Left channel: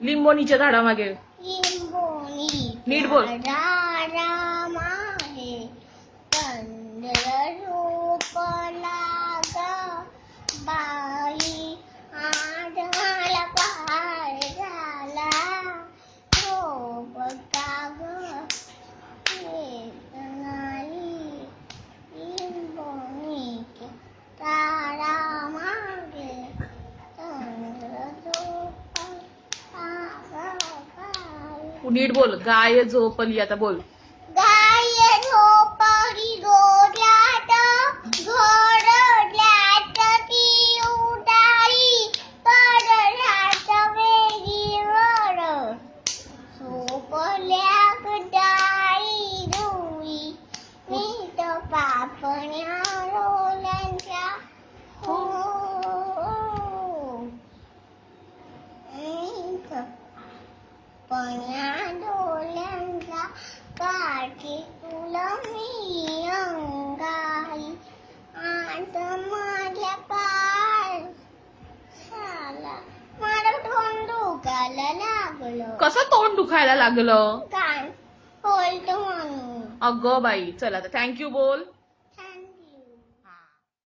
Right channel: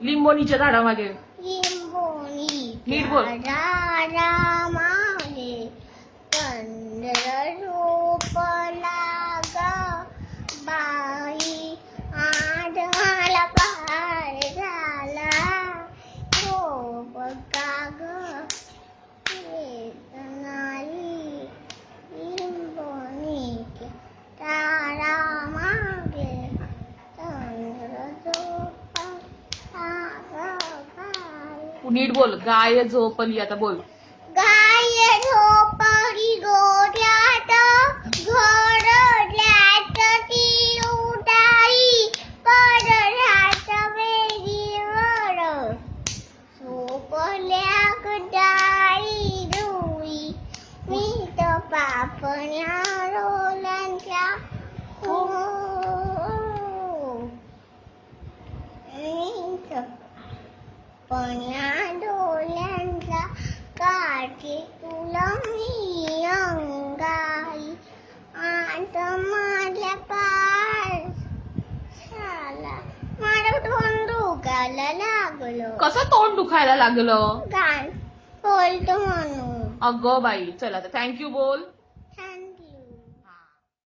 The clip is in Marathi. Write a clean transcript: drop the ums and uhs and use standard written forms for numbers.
लिंबोणीच्या झाडामागे. नीट बोल. झाडामागे चंद्र झोपला ग बाई आढळला पहाड झाला झोप का ग वेदनारी लिंबोणीच्या झाडामागे चंद्र झोपला ग नीट बोल. गाय झोपली. आता बोल. गाय झोपली गोठ्यात घोरड्यात ती उडाली पडल्यात वेलीवर झोपल्या डाळी रुई मीठ पापण्या रोल्यांच्या हो मीठ पापण्या डोल्यांच्या काठी तुला मी अंगाई आत माझ्या पाय झाला माझं तोंड दुखायला लागलं. कसं तोंड दुखायला लागलं? गाण बोलतो म्हणून. अगं बाई, चला आता थँक्यू बोल.